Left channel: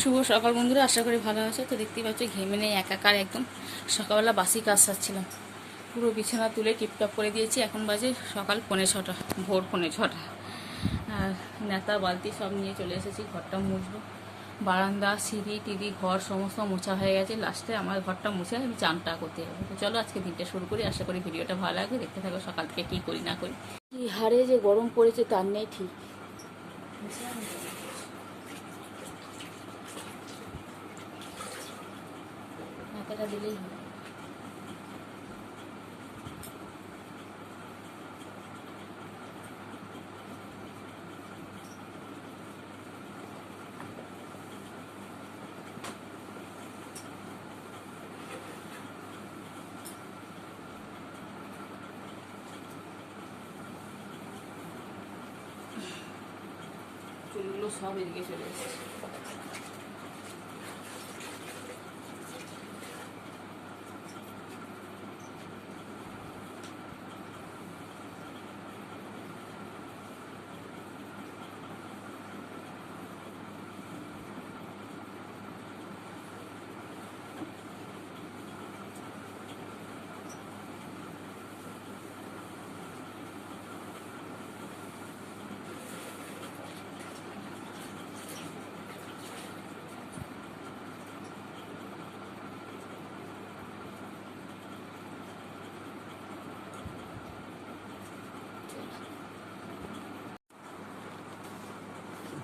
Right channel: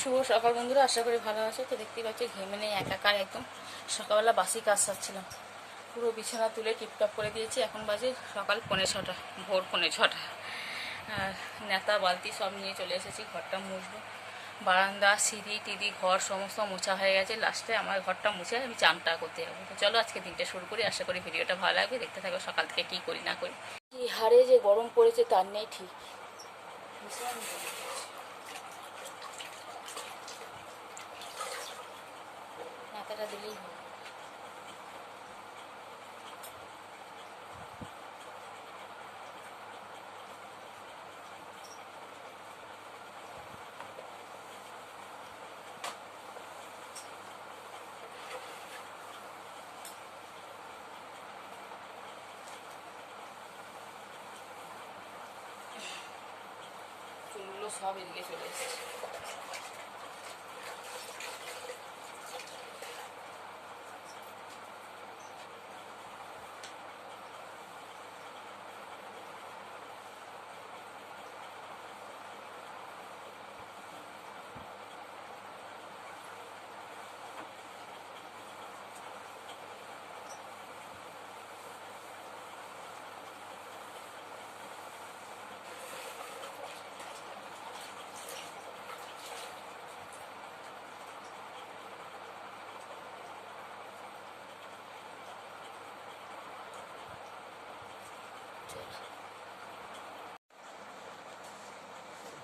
শুভ সকাল বন্ধুরা, আশা করি ভালো আছে। তো দেখতেই পাচ্ছ ঘেমে নেই একাকার একদম। সকালবেলা বাসি কাজ সারছিলাম, পুরো বিছানা তুলে টিপটপ করে দিয়েছি। এখন বাজে সকাল 5:45, ভোর 5:45। আর নেতা বালতি সব নিয়ে চলে এসেছি, ঘরটা মুছবো। বারান্দা সিঁড়ি টিড়ি ঘর সমস্ত মোছা হয়ে গেছে। লাস্টে আমার ঘরটা মুছে আমি চানটা করতে যাবো। তো চলো আজকে দিনটা শুরু করি, আশা করি ভিডিওটা ভালো লাগবে। দেখতে থাকো সকাল থেকে কী করি না করি। কি হারে যে গরম পড়েছে তার নেই ঠিক। মাথাটা দিলেই হয়। চুলগুলো সব এদিকে চলে এসেছে।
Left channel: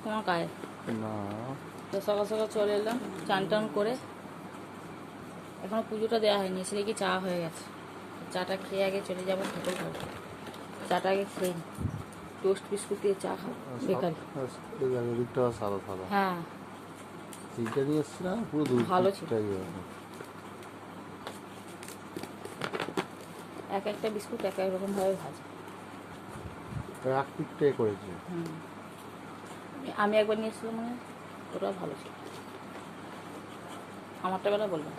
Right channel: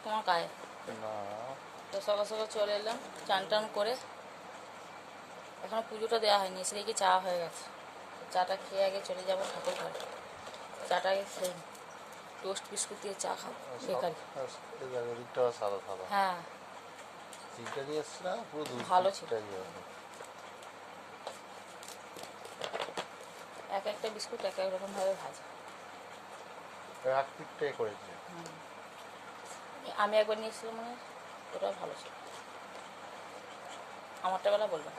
তোমার গায়ে তো সকাল সকাল চলে এলাম, চান টান করে। এখনো পুজোটা দেওয়া হয়নি, সেদিকে চা হয়ে গেছে। চাটা খেয়ে আগে চলে যাবো ঠাকুর ঘরে। চাটা আগে খেয়ে টোস্ট বিস্কুট দিয়ে চা খাবো বেকারি। হ্যাঁ ভালো ছিল। এক একটা বিস্কুট এক এক রকম ভাবে ভাজা। আমি একবার নিয়েছিলাম, মানে ওটাও ভালো ছিল। আমারটা বেলা বলবেন।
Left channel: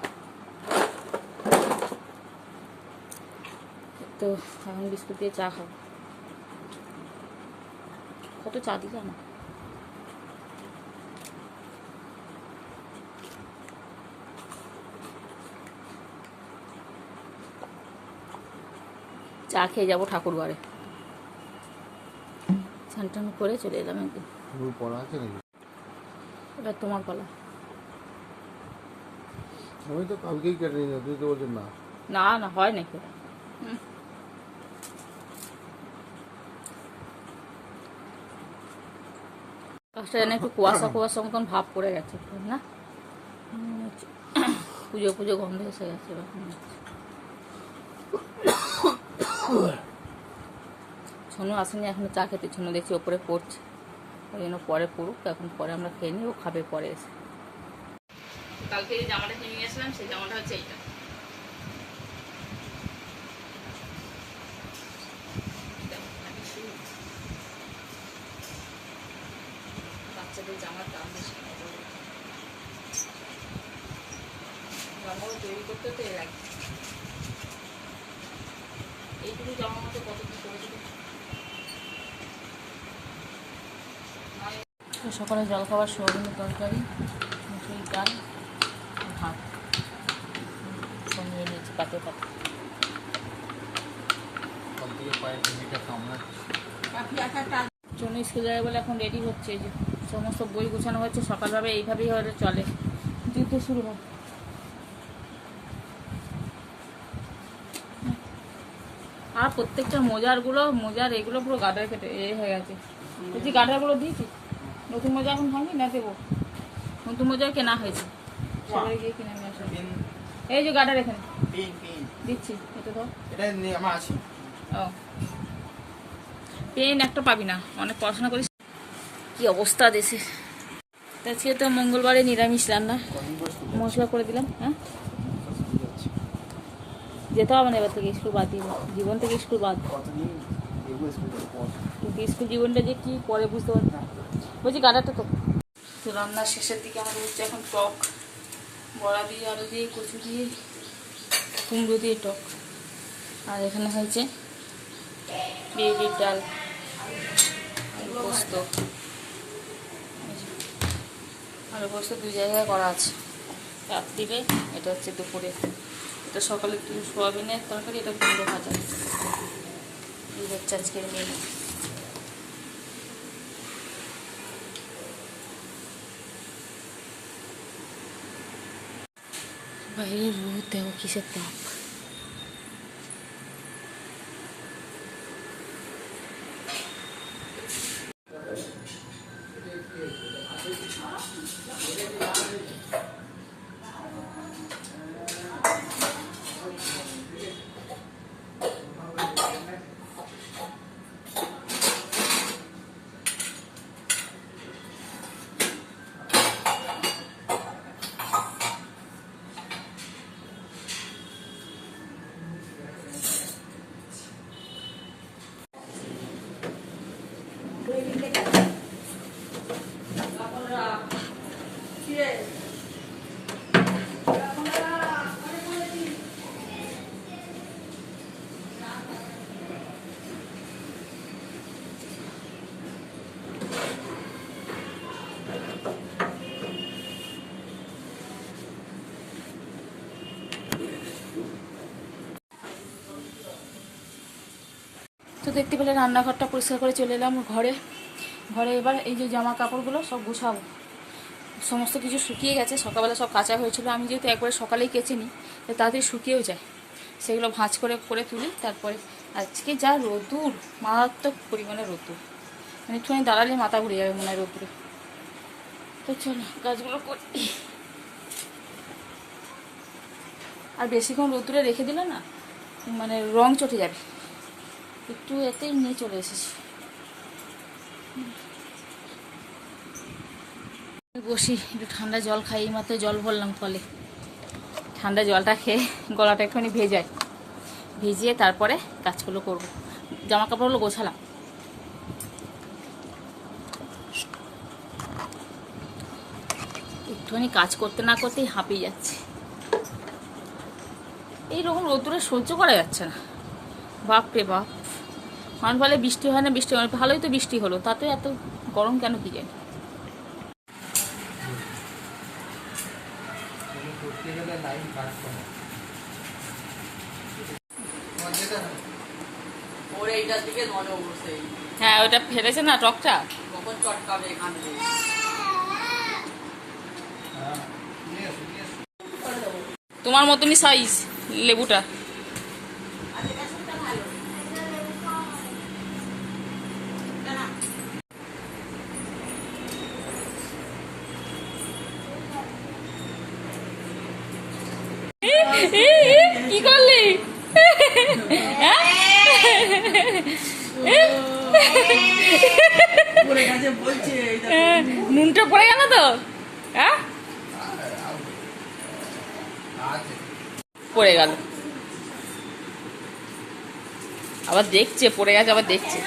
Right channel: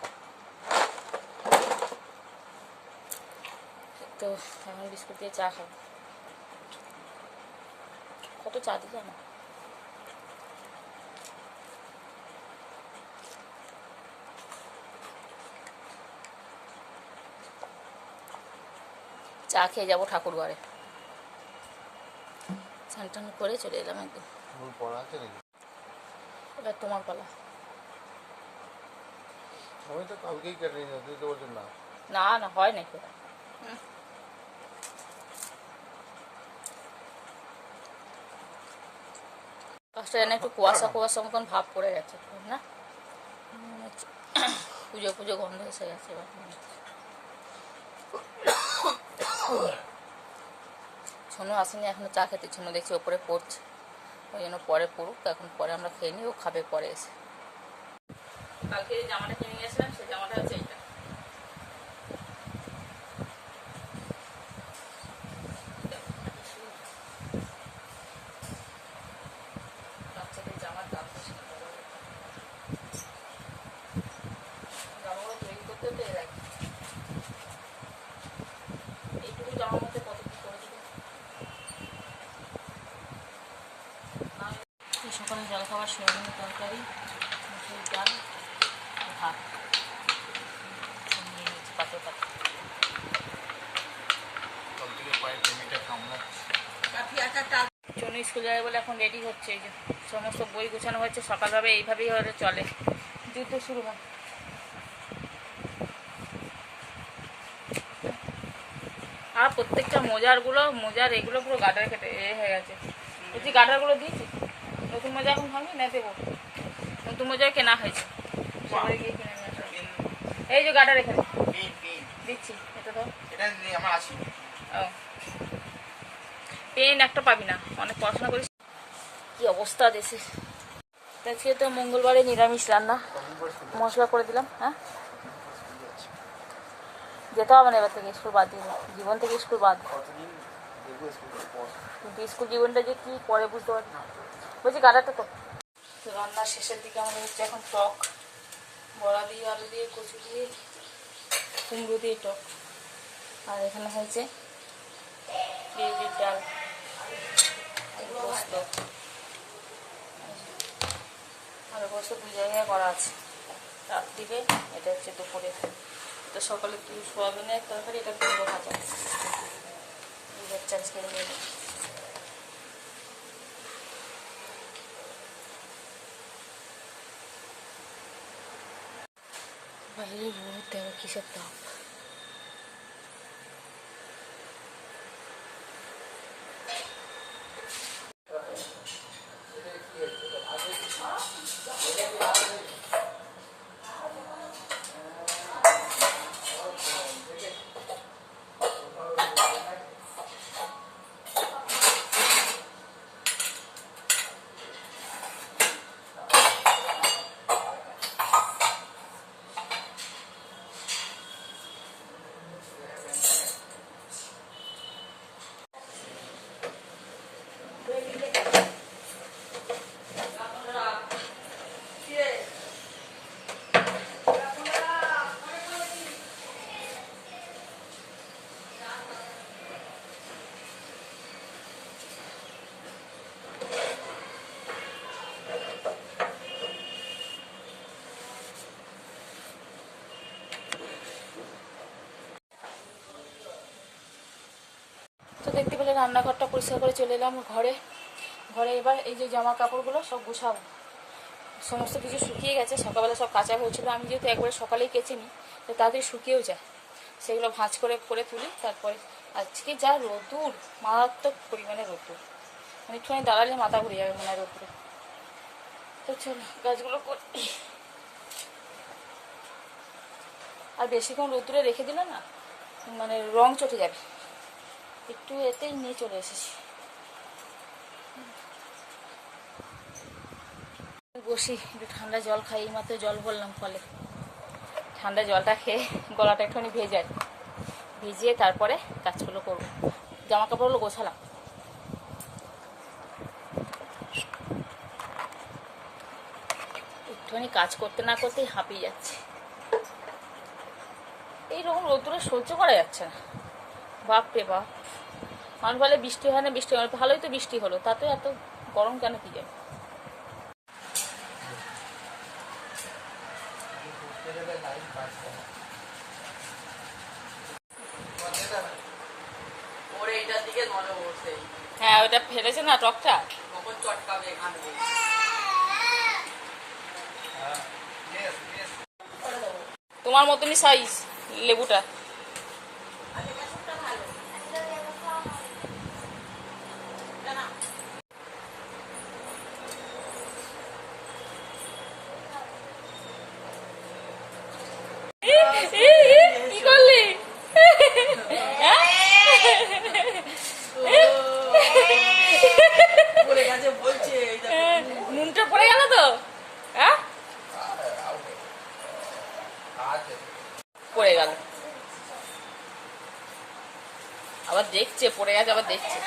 তো এখন বিস্কুট দিয়ে চা খাবো। কত চা দিলে আমার। চা খেয়ে যাবো ঠাকুর ঘরে। স্নান টান করে চলে এলাম একদিন। এটা তোমার পালা। আমি তো কালকেই কেটে নিয়ে তুই তো বলছেন না। না না হয় নাকি ওরা। কাজটা যেন একটু কুয়াশা কুয়াশা মতন ভাব পড়ে গেছে না। পুজো পুজো গন্ধ এসে গেছে এবার। সোনু আসেনি এখনো চা খেতে, সোনু দেখছি ওপরে পড়ছে, ওই জন্য পরে পড়ুক। এখন পরে আমরা খেয়ে নিই, ও খাবে পরে এসে। কালকে যে জামাটা কিনে গেছিলাম সেই জামাটা হচ্ছে এইটা। বাচ্চাদের জামার দাম বেশি, জামাগুলো তৈরি করতে তো এর লাগে। এইটুকু জামার মধ্যে কত কি করেছিল। সকালে জল খাবার সোয়াবিনের তরকারি, মুসুর ডাল, ভাত, পাতে পাতে। চনু স্কুল যাবে বলে এখন রেডি হচ্ছে। এই যে সমস্ত বই গোছানো হয়েছে, সকালভাবে এইভাবেই হয়তো চলে, যুদ্ধ শুরু হয়। আর প্রত্যেকটা মোজার এগুলো পুরো গার্ডার কেটে হয়ে গেছে। বলছি গার্ডারগুলো দিয়েছি, নতুন মোজা এখন ভাঙবি না দেবো। নতুন মোজাই কেনা হয়েছে, সবাই গিয়ে কিনে নিয়ে আসো। এই যে গার্ডার এখানে দিচ্ছি, এটা তো ও পেন একটা পাবি না, অনেক পড়াশোনা করিস। কি অবস্থা দেশে। আজকে তো মঙ্গলবারে নিরামিষ রান্না, মশলা করে দিলাম। হ্যাঁ যেতে হবে না এবার থেকে, স্কুল বাদ দিয়ে জীবন থেকে স্কুল বাদ। কিন্তু স্কুল জীবনটা যে কি পরে বুঝতে পারি না। বলছি গাডারটা তো রান্নার শেষের দিকে আমাদের হচ্ছে এখন টক, বড়া দিয়ে আলু দিয়ে কচু দিয়ে কুমড়ো দিয়ে টক। আর এখানে হয়েছে বিউলির ডাল, আলু পোস্ত। আর আলু পোস্ত দুই জায়গায় করা আছে, রাত্রিরে, এটা হচ্ছে দুপুরে। এটা সকালে একটু সোয়াবিনের তরকারি, এটা কুমড়ো ভাজা। এই হচ্ছে আজকের মেনু। বাইরে রোদ, দেখো কিসের তাপ। তো দেখতে পেলে রান্নাঘরটা পরিষ্কার করে চলে এলাম ঘরে। ঘরে এবার এই যে জামা কাপড়গুলো সব গুছাবো। সমস্ত কিছু শুকিয়ে গেছে, সকালবেলা সব কাচা হয়েছিল। আমি যেহেতু একবারে সকালেই কেচে নিই, তাড়াতাড়ি শুকিয়েও যায়। সেগুলো ভাঁজ করে করে তুলি। তারপরে আজকে যা রোদ্দুর, মারাত্মক পরিমাণে রোদ্দুর, মানে একটুখানি দাঁড়ালে মাথা ঘুরে যাবে মনে হয় রোদ্দুরে। তো চলো কাজগুলো করি। আর বেশিক্ষণ রোদ্দুরে রেখে দিলে না মানে রং চটে যাবে। একটু এতেই নিয়ে চলে এসেছি। বসি, একটু ঠান্ডা জল খাই। এই মাত্র জল ভরলাম কলে। ঠান্ডা জলটা খেয়ে গলাটা একটুখানি ভিজিয়ে তারপরে কাজগুলো করবো। জামা কাপড়গুলো গোছালাম। একটুখানি কাজ করতে না করতেই হাঁপিয়ে যাচ্ছে। এইরকম রোদ্দুরে সহ্য করা যাচ্ছে না, বাপ রে বাপ। মানুষ বলে বৃষ্টি হয় না, বৃষ্টি হয় না। ভালোই তো বৃষ্টি হলো, তাতে এত গরম কেন কি জানি। হ্যাঁ, ওটা ফেলেছে না টকটা, তোমার মতনই সাইজ লেবুটা। কি করলি? নুনটা পড়ে গেল তো, হ্যাঁ পড়ে গেল। আবার দেখছে পড়ে গেছে, আবার দেখছে।